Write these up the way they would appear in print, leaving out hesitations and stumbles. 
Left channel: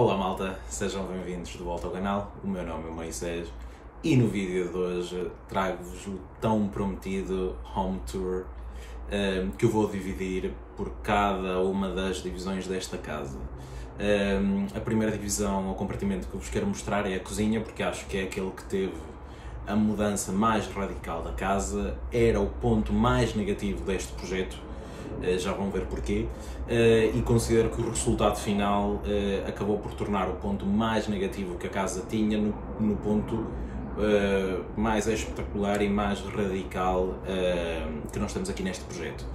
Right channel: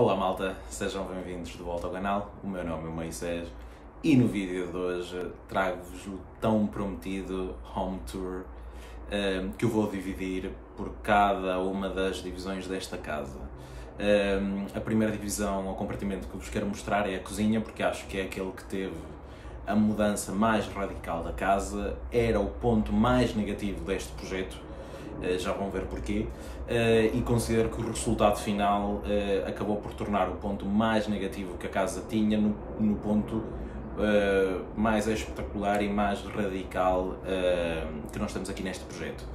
Olá malta, sejam bem-vindos de volta ao canal, o meu nome é Moisés e no vídeo de hoje trago-vos o tão prometido Home Tour que eu vou dividir por cada uma das divisões desta casa. A primeira divisão, o compartimento que eu vos quero mostrar é a cozinha, porque acho que é aquele que teve a mudança mais radical da casa, era o ponto mais negativo deste projeto. Já vão ver porquê, e considero que o resultado final acabou por tornar o ponto mais negativo que a casa tinha no ponto mais espetacular e mais radical que nós temos aqui neste projeto.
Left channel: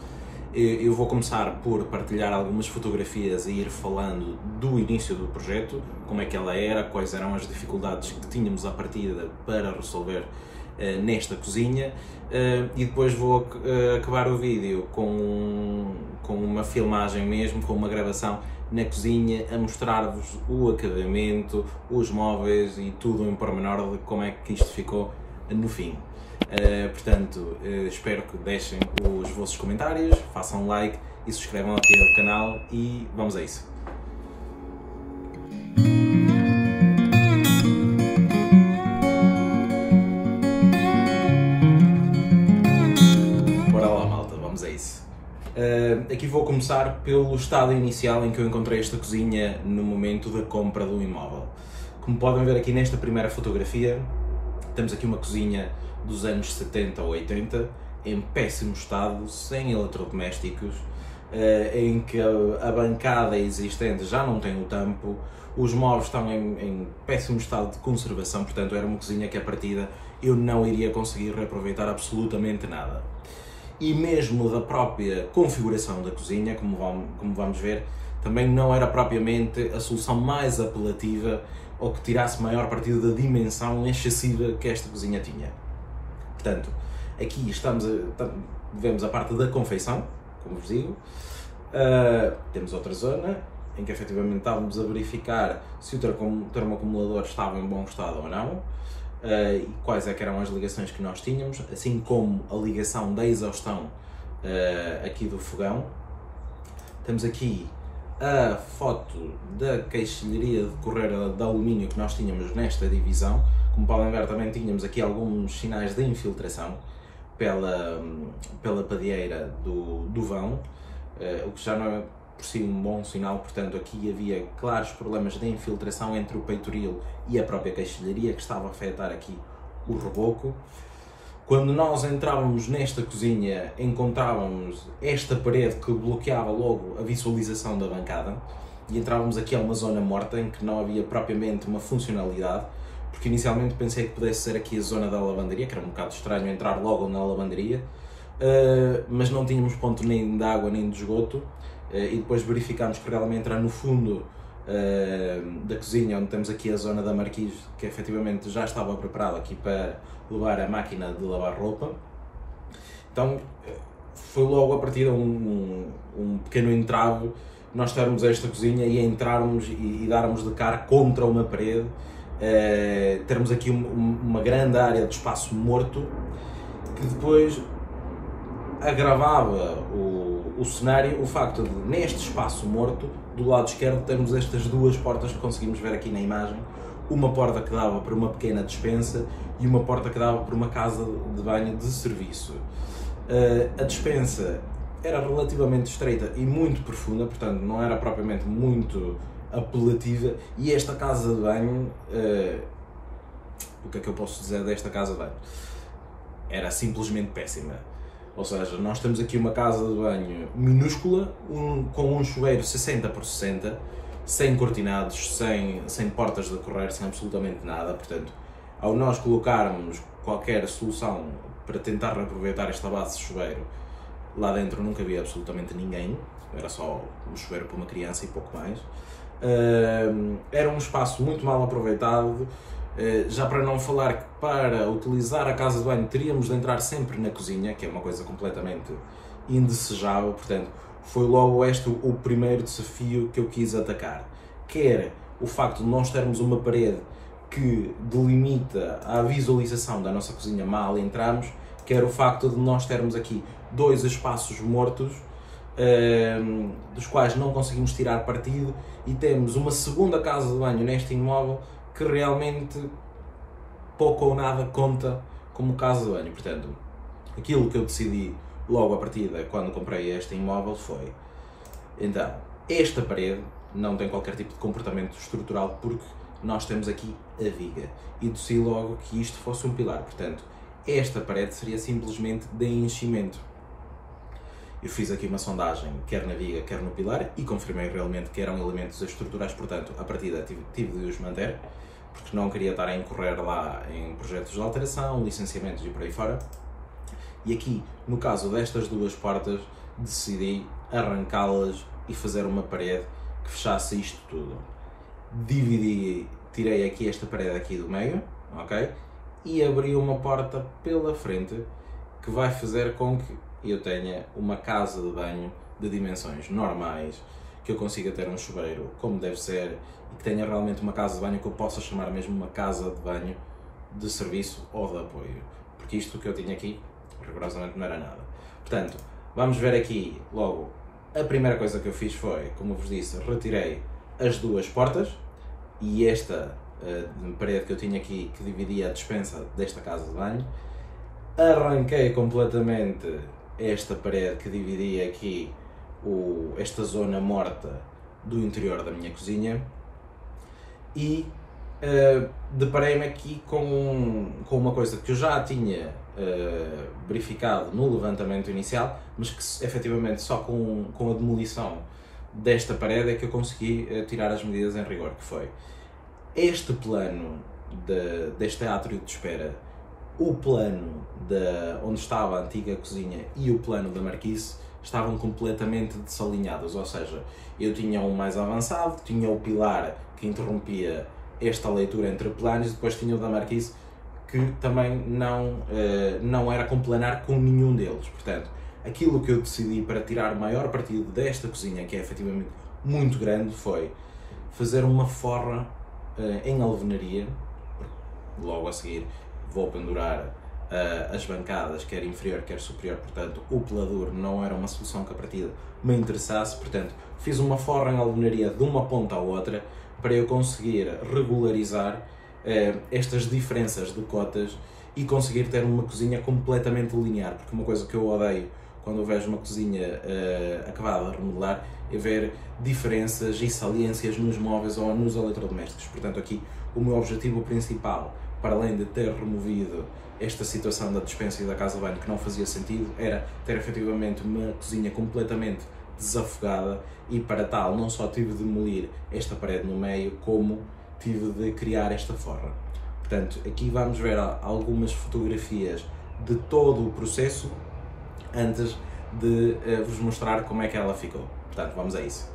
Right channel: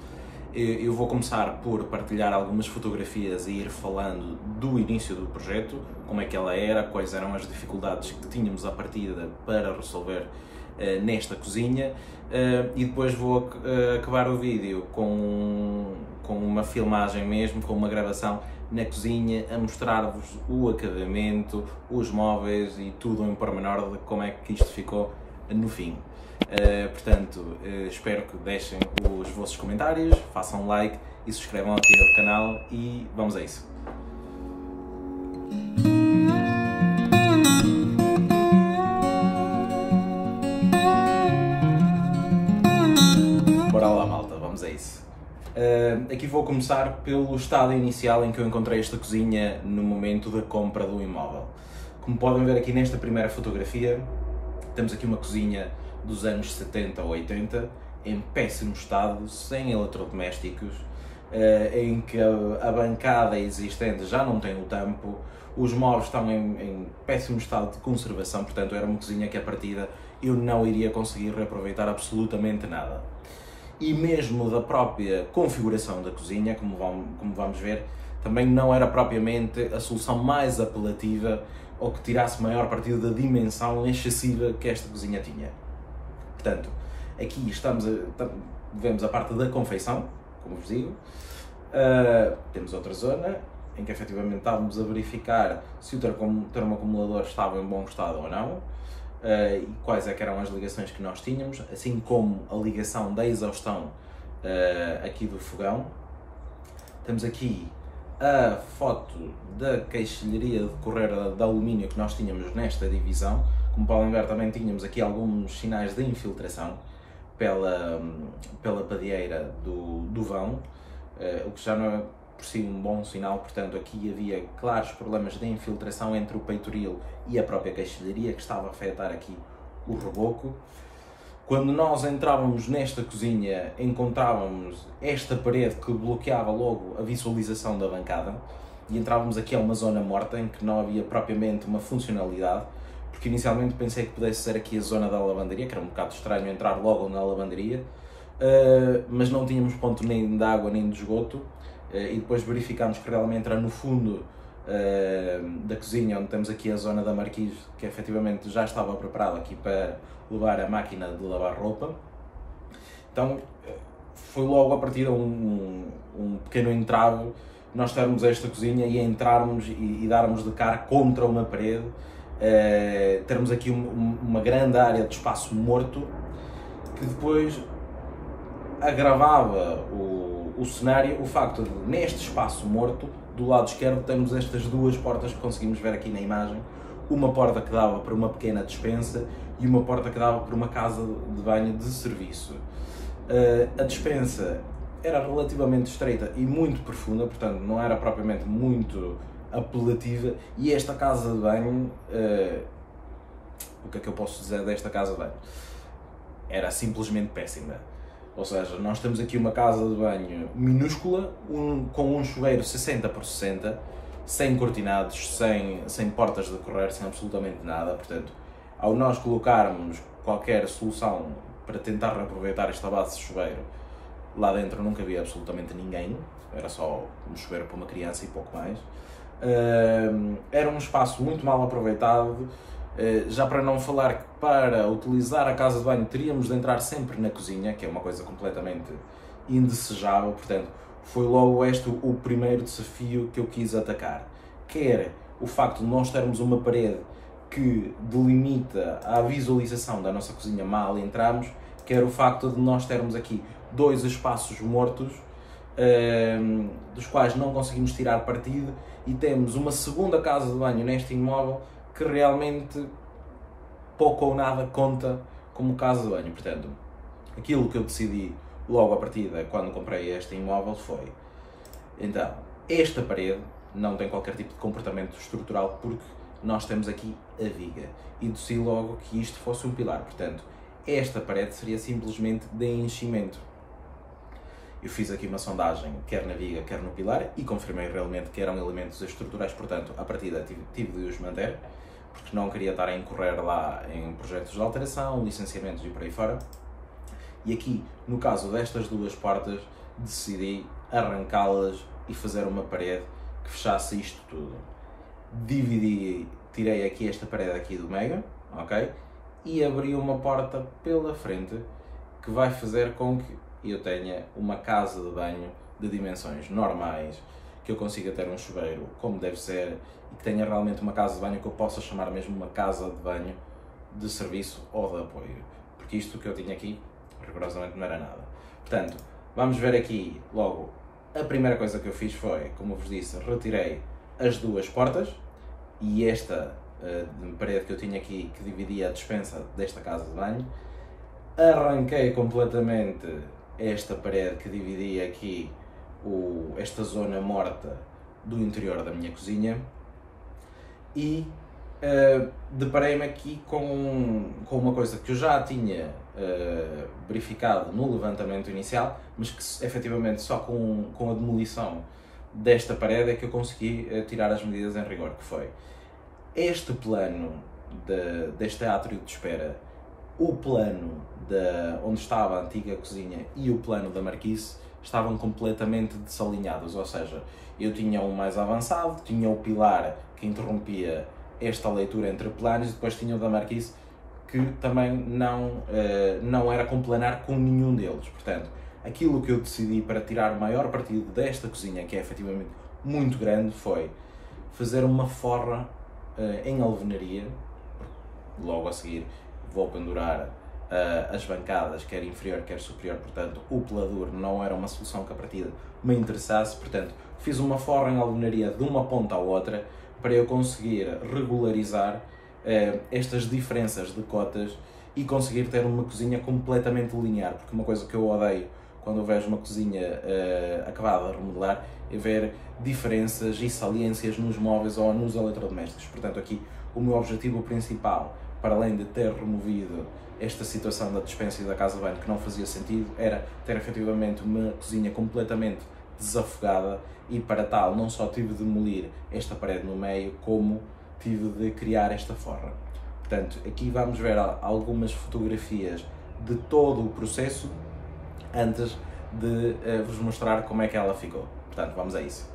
Eu vou começar por partilhar algumas fotografias e ir falando do início do projeto, como é que ela era, quais eram as dificuldades que tínhamos à partida para resolver nesta cozinha, e depois vou acabar o vídeo com uma filmagem mesmo, com uma gravação na cozinha, a mostrar-vos o acabamento, os móveis e tudo em pormenor de como é que isto ficou no fim. Portanto, espero que deixem os vossos comentários, façam like e subscrevam aqui ao canal e vamos a isso. Bora lá malta, vamos a isso. Aqui vou começar pelo estado inicial em que eu encontrei esta cozinha no momento da compra do imóvel. Como podem ver aqui nesta primeira fotografia, temos aqui uma cozinha dos anos 70 ou 80, em péssimo estado, sem eletrodomésticos, em que a bancada existente já não tem o tampo, os móveis estão em péssimo estado de conservação, portanto era uma cozinha que à partida eu não iria conseguir reaproveitar absolutamente nada. E mesmo da própria configuração da cozinha, como vamos ver, também não era propriamente a solução mais apelativa ou que tirasse maior partido da dimensão excessiva que esta cozinha tinha. Portanto, aqui vemos a parte da confeição, como vos digo. Temos outra zona em que efetivamente estávamos a verificar se o termoacumulador estava em bom estado ou não, e quais é que eram as ligações que nós tínhamos, assim como a ligação da exaustão aqui do fogão. Temos aqui a foto da queixilharia de correia de alumínio que nós tínhamos nesta divisão. Como podem ver, também tínhamos aqui alguns sinais de infiltração pela padieira do vão, o que já não é por si um bom sinal. Portanto, aqui havia claros problemas de infiltração entre o peitoril e a própria queixilharia, que estava a afetar aqui o reboco. Quando nós entrávamos nesta cozinha, encontrávamos esta parede que bloqueava logo a visualização da bancada, e entrávamos aqui a uma zona morta em que não havia propriamente uma funcionalidade, porque inicialmente pensei que pudesse ser aqui a zona da lavanderia, que era um bocado estranho entrar logo na lavanderia, mas não tínhamos ponto nem de água nem de esgoto, e depois verificámos que realmente era no fundo da cozinha, onde temos aqui a zona da marquise, que efetivamente já estava preparada aqui para levar a máquina de lavar roupa. Então foi logo a partir de um pequeno entrave nós termos esta cozinha e entrarmos e darmos de cara contra uma parede, termos aqui uma grande área de espaço morto, que depois agravava o cenário, o facto de neste espaço morto, do lado esquerdo, temos estas duas portas que conseguimos ver aqui na imagem, uma porta que dava para uma pequena despensa e uma porta que dava para uma casa de banho de serviço. A despensa era relativamente estreita e muito profunda, portanto não era propriamente muito apelativa, e esta casa de banho, o que é que eu posso dizer desta casa de banho? Era simplesmente péssima. Ou seja, nós temos aqui uma casa de banho minúscula, com um chuveiro 60 por 60, sem cortinados, sem portas de correr, sem absolutamente nada. Portanto, ao nós colocarmos qualquer solução para tentar reaproveitar esta base de chuveiro, lá dentro nunca havia absolutamente ninguém, era só um chuveiro para uma criança e pouco mais. Era um espaço muito mal aproveitado, já para não falar que para utilizar a casa de banho teríamos de entrar sempre na cozinha, que é uma coisa completamente indesejável. Portanto, foi logo este o primeiro desafio que eu quis atacar, quer o facto de nós termos uma parede que delimita a visualização da nossa cozinha mal entramos, quer o facto de nós termos aqui dois espaços mortos dos quais não conseguimos tirar partido, e temos uma segunda casa de banho neste imóvel que realmente pouco ou nada conta como casa de banho. Portanto, aquilo que eu decidi logo à partida quando comprei este imóvel foi: então, esta parede não tem qualquer tipo de comportamento estrutural porque nós temos aqui a viga, e decidi logo que isto fosse um pilar. Portanto, esta parede seria simplesmente de enchimento. Eu fiz aqui uma sondagem, quer na viga, quer no pilar, e confirmei realmente que eram elementos estruturais. Portanto, à partida tive de os manter, porque não queria estar a incorrer lá em projetos de alteração, licenciamentos e por aí fora. E aqui, no caso destas duas portas, decidi arrancá-las e fazer uma parede que fechasse isto tudo. Dividi, tirei aqui esta parede aqui do meio, ok? E abri uma porta pela frente que vai fazer com que eu tenha uma casa de banho de dimensões normais, que eu consiga ter um chuveiro como deve ser e que tenha realmente uma casa de banho que eu possa chamar mesmo uma casa de banho de serviço ou de apoio, porque isto que eu tinha aqui rigorosamente não era nada. Portanto, vamos ver aqui logo. A primeira coisa que eu fiz foi, como eu vos disse, retirei as duas portas e esta parede que eu tinha aqui que dividia a despensa desta casa de banho. Arranquei completamente esta parede que dividia aqui esta zona morta do interior da minha cozinha e deparei-me aqui com uma coisa que eu já tinha verificado no levantamento inicial, mas que efetivamente só com a demolição desta parede é que eu consegui tirar as medidas em rigor, que foi este plano deste átrio de espera, o plano onde estava a antiga cozinha e o plano da marquise estavam completamente desalinhados, ou seja, eu tinha um mais avançado, tinha o pilar que interrompia esta leitura entre planos e depois tinha o da marquise que também não era complanar com nenhum deles. Portanto, aquilo que eu decidi para tirar o maior partido desta cozinha, que é efetivamente muito grande, foi fazer uma forra em alvenaria. Logo a seguir vou pendurar as bancadas, quer inferior, quer superior, portanto o pelador não era uma solução que a partida me interessasse, portanto fiz uma forra em alvenaria de uma ponta à outra para eu conseguir regularizar estas diferenças de cotas e conseguir ter uma cozinha completamente linear, porque uma coisa que eu odeio quando eu vejo uma cozinha acabada de remodelar é ver diferenças e saliências nos móveis ou nos eletrodomésticos. Portanto, aqui o meu objetivo principal, para além de ter removido esta situação da despensa e da casa de banho que não fazia sentido, era ter efetivamente uma cozinha completamente desafogada, e para tal não só tive de demolir esta parede no meio, como tive de criar esta forra. Portanto, aqui vamos ver algumas fotografias de todo o processo antes de vos mostrar como é que ela ficou. Portanto, vamos a isso.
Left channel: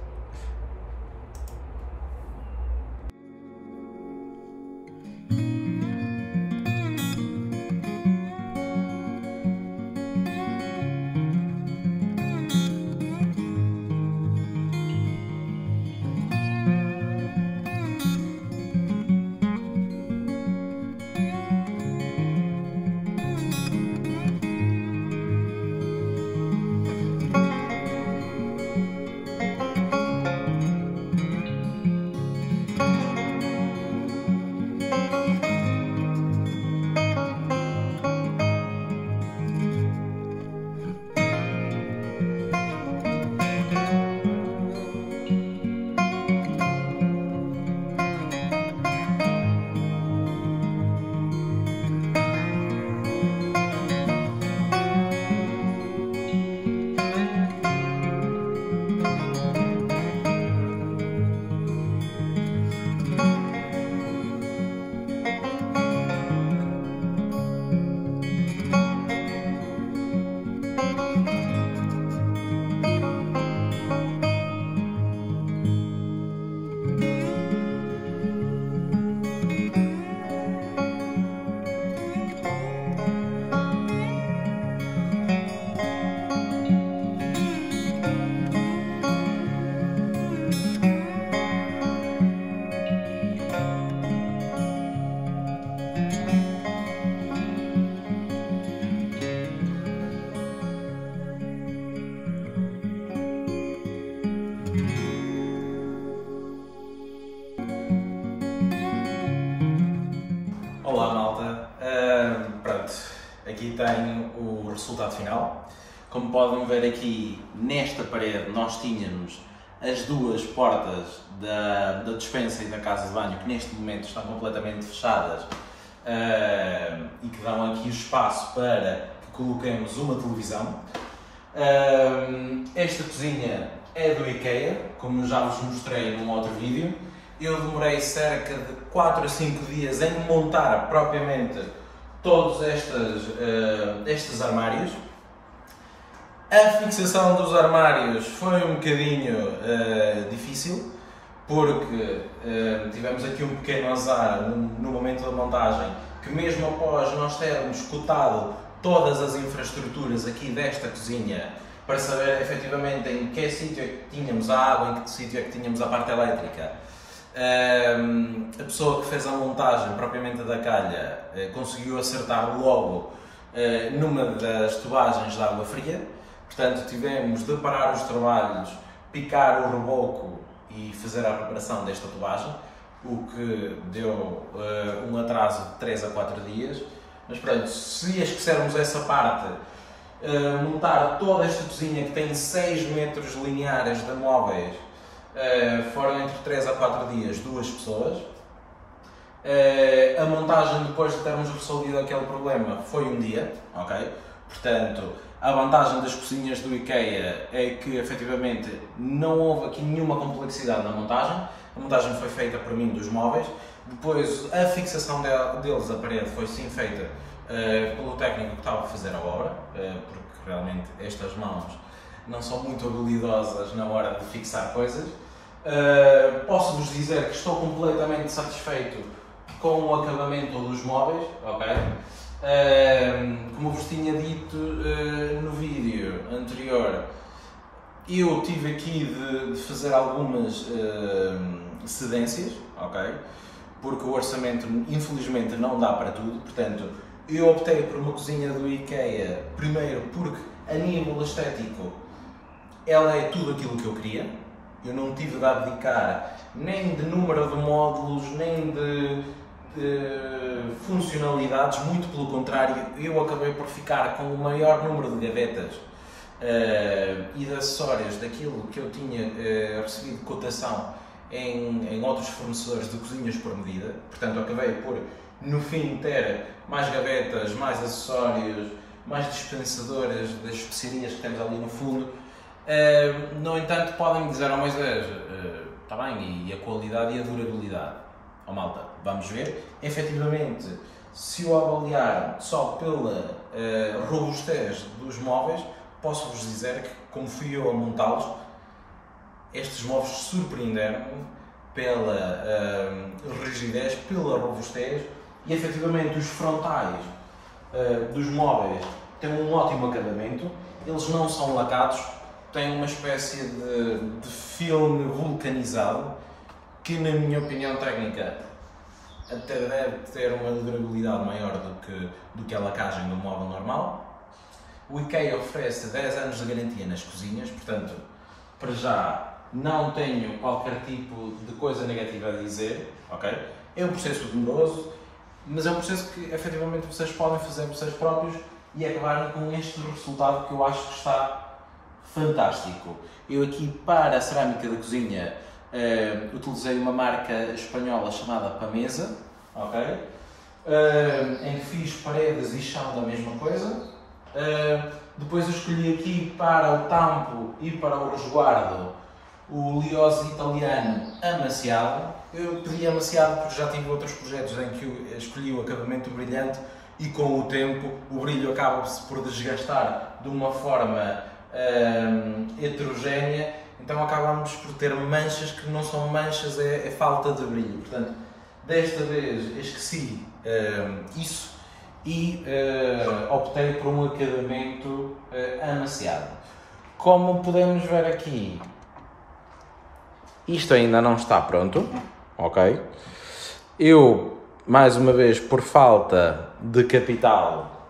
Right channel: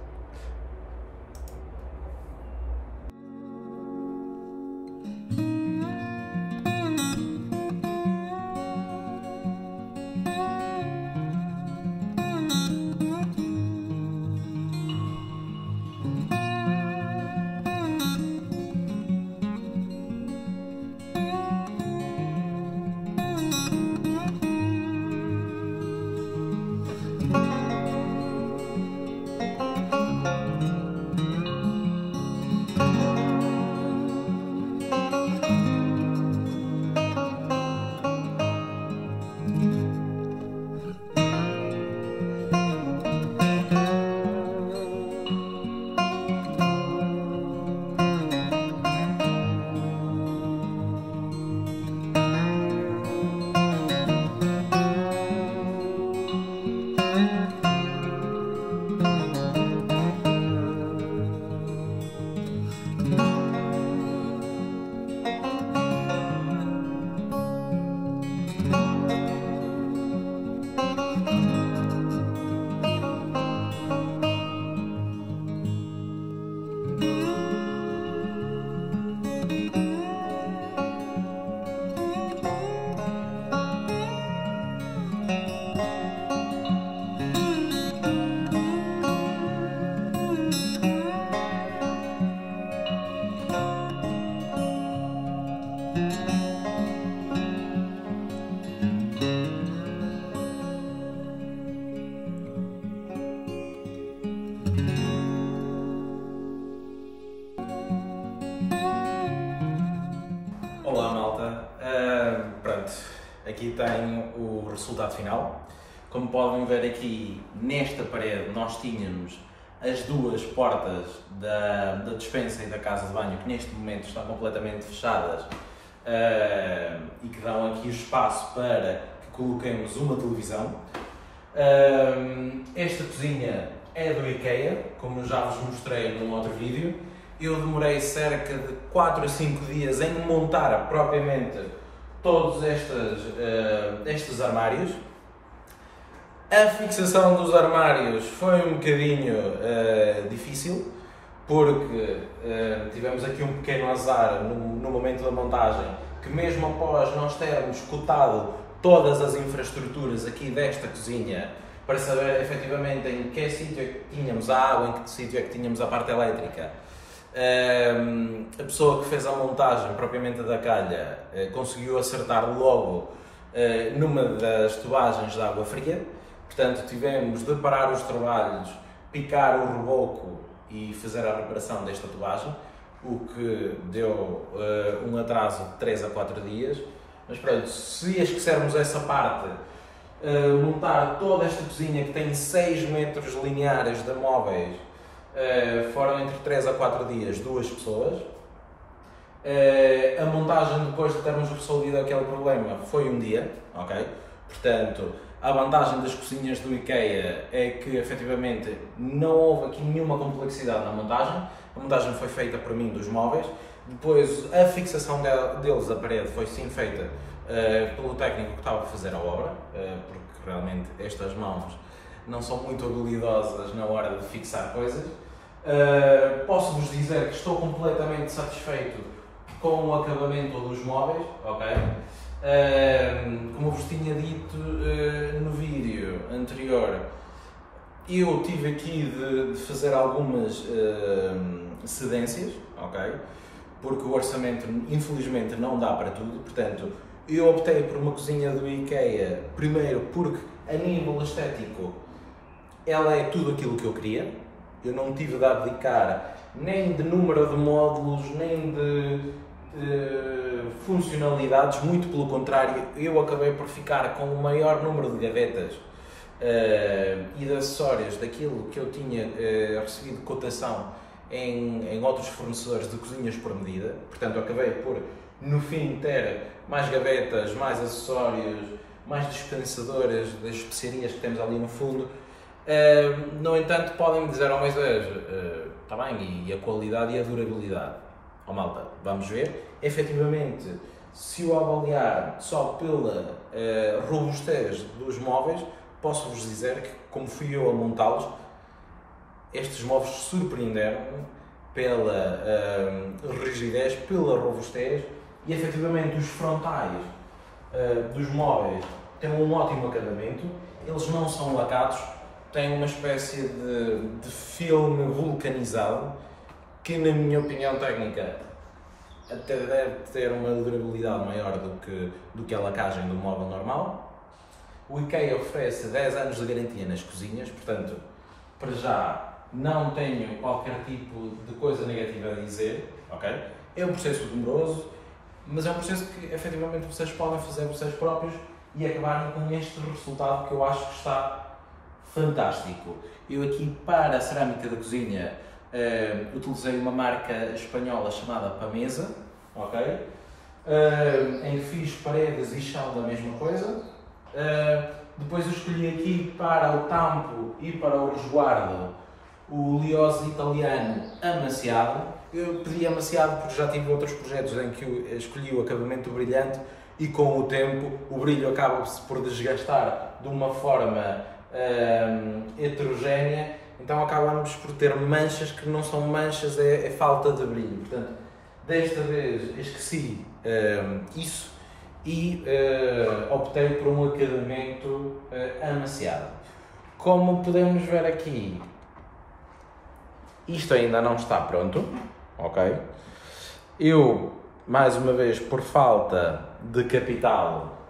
aqui tem o resultado final. Como podem ver aqui, nesta parede nós tínhamos as duas portas da despensa e da casa de banho, que neste momento estão completamente fechadas e que dão aqui o espaço para que coloquemos uma televisão. Esta cozinha é do IKEA, como já vos mostrei num outro vídeo. Eu demorei cerca de 4 a 5 dias em montar propriamente todos estes armários. A fixação dos armários foi um bocadinho difícil, porque tivemos aqui um pequeno azar no momento da montagem, que mesmo após nós termos cotado todas as infraestruturas aqui desta cozinha, para saber efetivamente em que sítio é que tínhamos a água, em que sítio é que tínhamos a parte elétrica, a pessoa que fez a montagem propriamente da calha conseguiu acertar logo numa das tubagens de água fria. Portanto, tivemos de parar os trabalhos, picar o reboco e fazer a reparação desta tubagem, o que deu um atraso de 3 a 4 dias. Mas pronto, se esquecermos essa parte, montar toda esta cozinha que tem 6 metros lineares de móveis, foram entre 3 a 4 dias, 2 pessoas. A montagem, depois de termos resolvido aquele problema, foi um dia, ok? Portanto, a vantagem das cozinhas do IKEA é que, efetivamente, não houve aqui nenhuma complexidade na montagem. A montagem foi feita por mim dos móveis. Depois, a fixação deles à parede foi sim feita pelo técnico que estava a fazer a obra, porque realmente estas mãos não são muito habilidosas na hora de fixar coisas. Posso-vos dizer que estou completamente satisfeito com o acabamento dos móveis, ok? Como vos tinha dito no vídeo anterior, eu tive aqui de fazer algumas cedências, ok? Porque o orçamento infelizmente não dá para tudo. Portanto, eu optei por uma cozinha do IKEA, primeiro porque a nível estético ela é tudo aquilo que eu queria. Eu não tive de abdicar nem de número de módulos, nem de funcionalidades, muito pelo contrário, eu acabei por ficar com o maior número de gavetas e de acessórios daquilo que eu tinha recebido cotação em outros fornecedores de cozinhas por medida. Portanto, acabei por, no fim, ter mais gavetas, mais acessórios, mais dispensadoras das especiarias que temos ali no fundo. No entanto, podem-me dizer, Moisés, está bem, e a qualidade e a durabilidade? Oh, malta, vamos ver. Efetivamente, se o avaliar só pela robustez dos móveis, posso-vos dizer que, como fui eu a montá-los, estes móveis surpreenderam-me pela rigidez, pela robustez, e efetivamente os frontais dos móveis têm um ótimo acabamento. Eles não são lacados, têm uma espécie de filme vulcanizado que, na minha opinião técnica, até deve ter uma durabilidade maior do que a lacagem do móvel normal. O IKEA oferece 10 anos de garantia nas cozinhas, portanto, para já não tenho qualquer tipo de coisa negativa a dizer, ok? É um processo demoroso, mas é um processo que efetivamente vocês podem fazer vocês próprios e acabarem com este resultado que eu acho que está fantástico. Eu aqui, para a cerâmica da cozinha, utilizei uma marca espanhola chamada Pamesa, ok? Em que fiz paredes e chão da mesma coisa. Depois eu escolhi aqui para o tampo e para o resguardo o Liose italiano amaciado. Eu pedi amaciado porque já tive outros projetos em que eu escolhi o acabamento brilhante e com o tempo o brilho acaba-se por desgastar de uma forma heterogénea, então acabamos por ter manchas que não são manchas, é falta de brilho. Portanto, desta vez esqueci isso e optei por um acabamento amaciado. Como podemos ver aqui, isto ainda não está pronto, ok? Eu, mais uma vez, por falta de capital,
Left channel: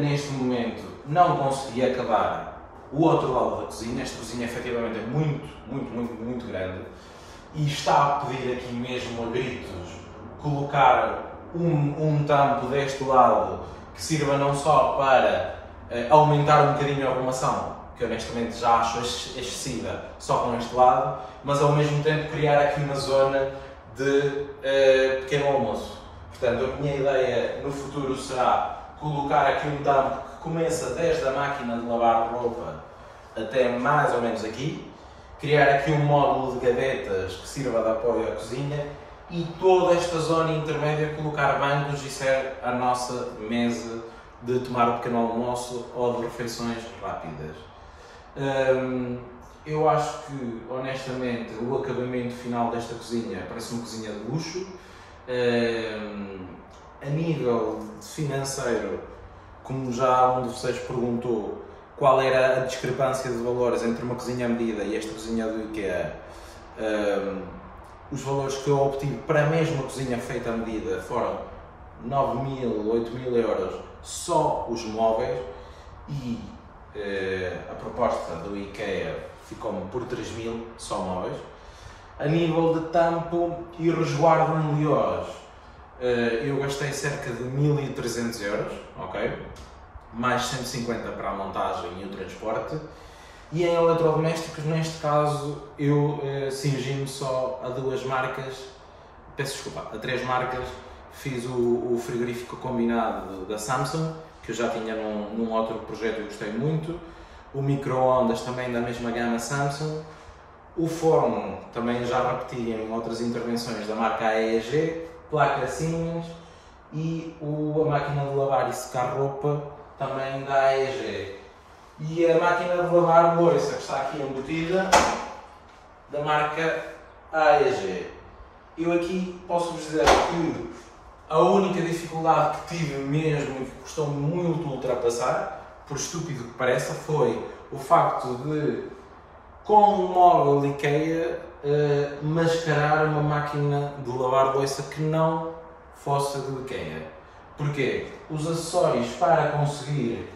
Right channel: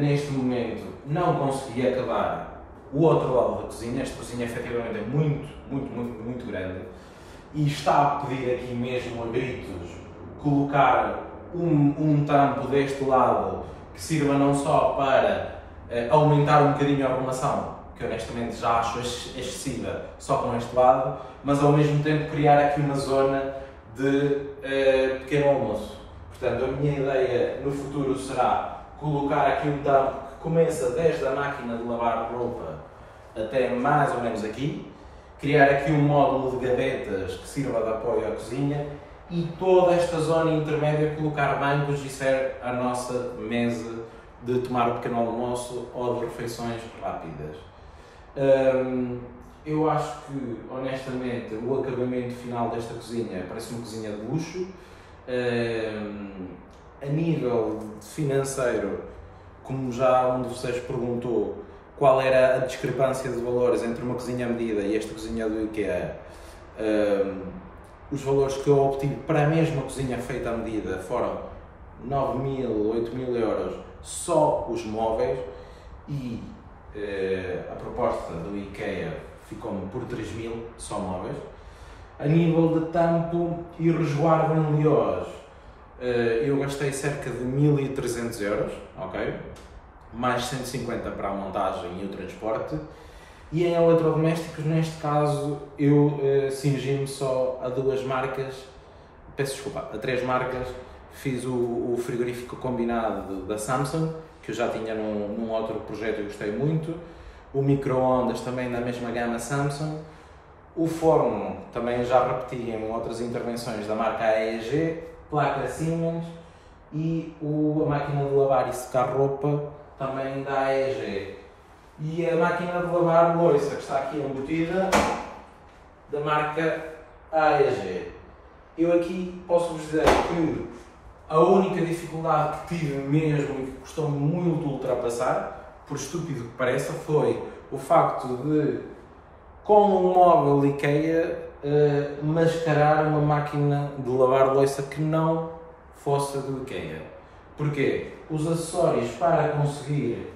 neste momento não consegui acabar o outro lado da cozinha. Esta cozinha efetivamente é muito grande e está a pedir aqui mesmo a gritos colocar um tampo deste lado que sirva não só para aumentar um bocadinho a arrumação, que honestamente já acho excessiva só com este lado, mas ao mesmo tempo criar aqui uma zona de pequeno almoço. Portanto, a minha ideia no futuro será colocar aqui um tampo que começa desde a máquina de lavar roupa até mais ou menos aqui, criar aqui um módulo de gavetas que sirva de apoio à cozinha e toda esta zona intermédia colocar bancos e ser a nossa mesa de tomar o pequeno almoço ou de refeições rápidas. Eu acho que, honestamente, o acabamento final desta cozinha parece uma cozinha de luxo. A nível financeiro, como já um de vocês perguntou, qual era a discrepância de valores entre uma cozinha à medida e esta cozinha do IKEA, os valores que eu obtive para a mesma cozinha feita à medida foram 9.000, 8.000 euros só os móveis e a proposta do IKEA ficou-me por 3.000 só móveis. A nível de tampo e resguardo em Liós, eu gastei cerca de 1.300 euros, ok? Mais 150 para a montagem e o transporte. E em eletrodomésticos, neste caso, eu cingi-me só a duas marcas, peço desculpa, a três marcas. Fiz o frigorífico combinado da Samsung, que eu já tinha num outro projeto e gostei muito. O micro-ondas também da mesma gama Samsung. O forno também já repeti em outras intervenções da marca AEG, placa Siemens e a máquina de lavar e secar roupa também da AEG. E a máquina de lavar louça que está aqui embutida da marca AEG. Eu aqui posso-vos dizer que a única dificuldade que tive mesmo e que custou-me muito ultrapassar, por estúpido que pareça, foi o facto de, com um móvel IKEA, mascarar uma máquina de lavar louça que não fosse do IKEA. Porquê? Os acessórios para conseguir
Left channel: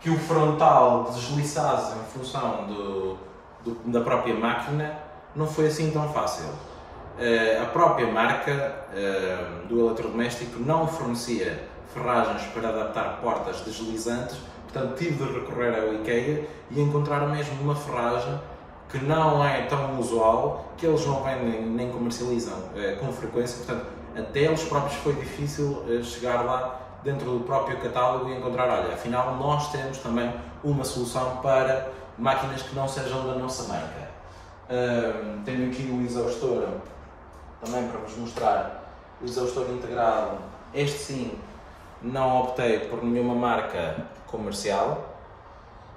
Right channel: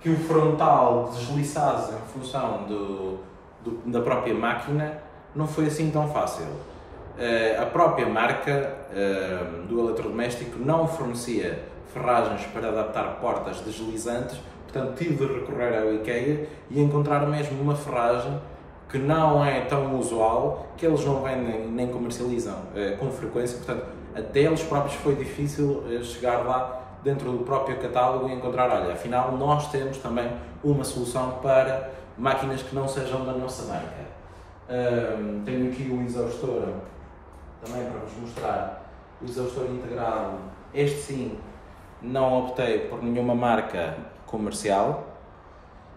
que o frontal desliçasse em função da própria máquina não foi assim tão fácil. A própria marca do eletrodoméstico não fornecia ferragens para adaptar portas deslizantes, portanto tive de recorrer ao IKEA e encontrar mesmo uma ferragem que não é tão usual, que eles não vendem nem comercializam com frequência, portanto até eles próprios foi difícil chegar lá dentro do próprio catálogo e encontrar, olha, afinal nós temos também uma solução para máquinas que não sejam da nossa marca. Tenho aqui o exaustor também para vos mostrar, o exaustor integrado. Este sim, não optei por nenhuma marca comercial,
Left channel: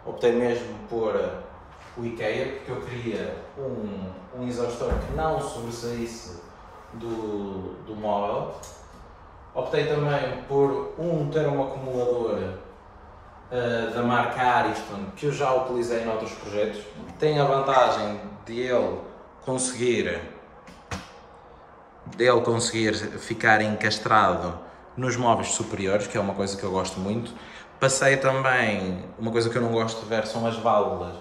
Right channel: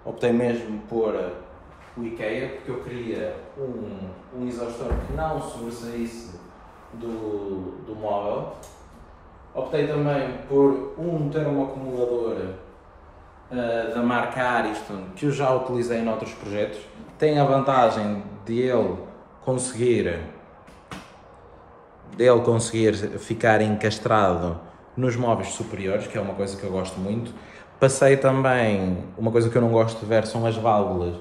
optei mesmo por o IKEA, porque eu queria um exaustor que não sobressaísse do móvel. Optei também por um termoacumulador da marca Ariston, que eu já utilizei em outros projetos. Tem a vantagem de ele conseguir ficar encastrado nos móveis superiores, que é uma coisa que eu gosto muito. Passei também, uma coisa que eu não gosto de ver são as válvulas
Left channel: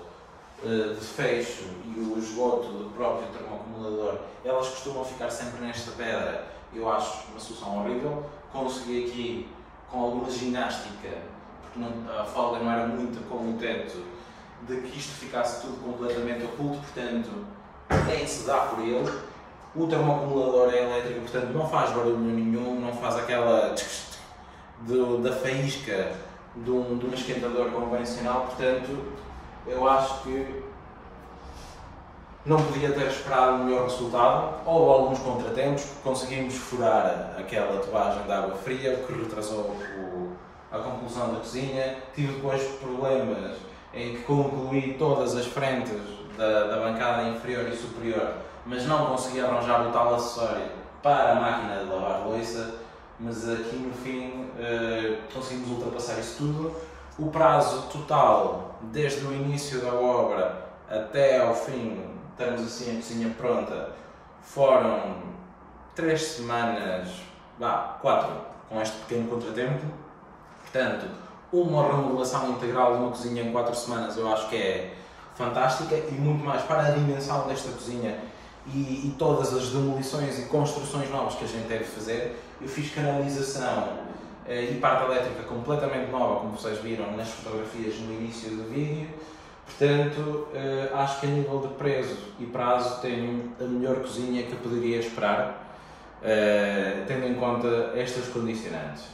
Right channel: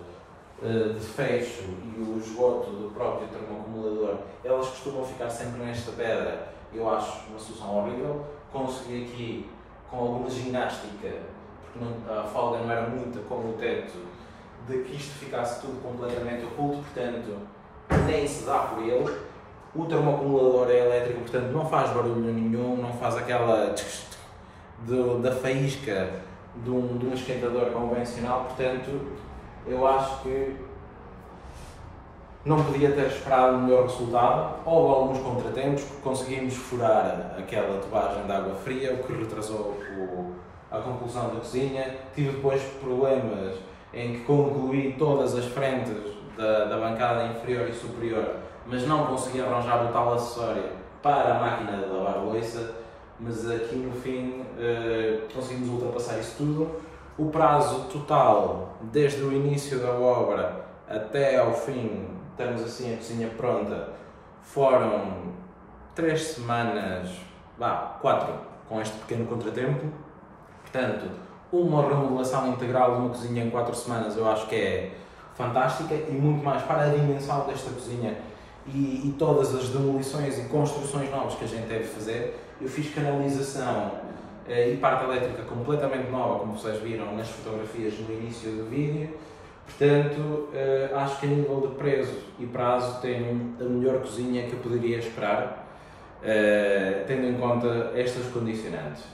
de fecho e o esgoto do próprio termoacumulador. Elas costumam ficar sempre nesta pedra, eu acho uma solução horrível. Consegui aqui, com alguma ginástica, porque a folga não era muita como o teto, de que isto ficasse tudo completamente oculto, portanto nem se dá por ele. O termoacumulador é elétrico, portanto não faz barulho nenhum, não faz aquela da faísca de um esquentador convencional, portanto eu acho que não podia ter esperado um melhor resultado. Houve alguns contratempos, conseguimos furar aquela tubagem de água fria, o que retrasou a conclusão da cozinha. Tive depois problemas em que concluí todas as frentes da bancada inferior e superior, mas não consegui arranjar o tal acessório para a máquina de lavar louça, mas aqui no fim conseguimos ultrapassar isso tudo. O prazo total, desde o início da obra até ao fim, termos assim a cozinha pronta, foram 3 semanas, 4, com este pequeno contratempo. Portanto, uma remodelação integral de uma cozinha em 4 semanas eu acho que é fantástica, e muito mais para a dimensão desta cozinha e todas as demolições e construções novas que a gente deve fazer. Eu fiz canalização e parte elétrica completamente nova, como vocês viram nas fotografias no início do vídeo. Portanto, acho que a nível de preço e prazo tenho a melhor cozinha que eu poderia esperar, tendo em conta estas condicionantes.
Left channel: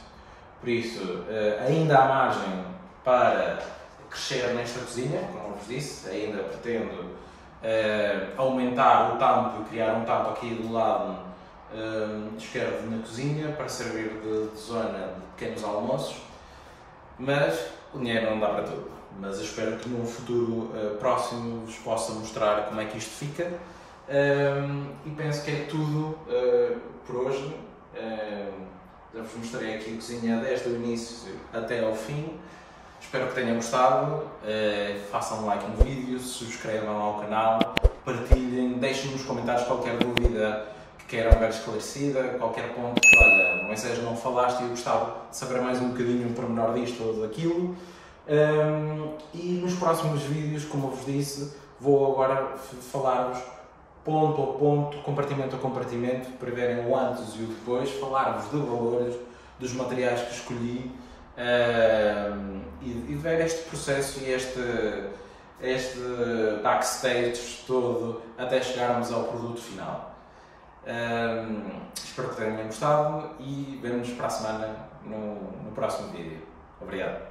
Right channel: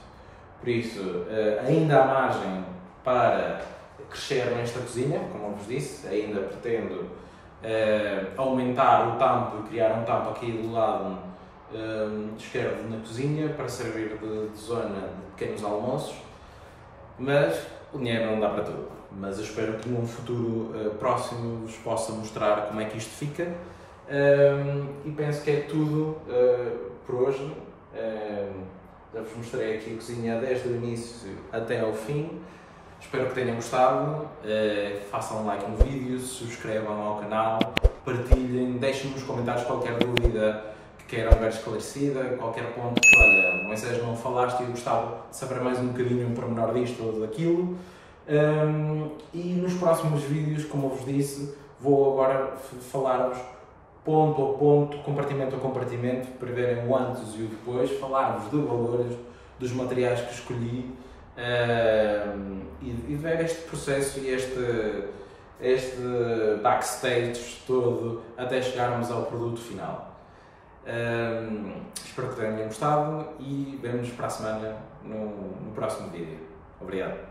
Por isso, ainda há margem para crescer nesta cozinha, como eu vos disse, ainda pretendo aumentar o tampo e criar um tampo aqui do lado esquerdo na cozinha para servir de zona de pequenos almoços, mas o dinheiro não dá para tudo. Mas eu espero que num futuro próximo vos possa mostrar como é que isto fica, e penso que é tudo por hoje. Já vos mostrei aqui a cozinha desde o início até ao fim. Espero que tenham gostado. Façam um like no vídeo, subscrevam ao canal, partilhem, deixem nos comentários qualquer dúvida que queiram ver esclarecida, qualquer ponto que, olha, Moisés, não falaste e eu gostava de saber mais um bocadinho um pormenor disto ou daquilo. E nos próximos vídeos, como eu vos disse, vou agora falar-vos ponto a ponto, compartimento a compartimento, para verem o antes e o depois, falar-vos de valores, dos materiais que escolhi, e ver este processo e este backstage todo até chegarmos ao produto final. Espero que tenham gostado e vemo-nos para a semana no próximo vídeo. Obrigado.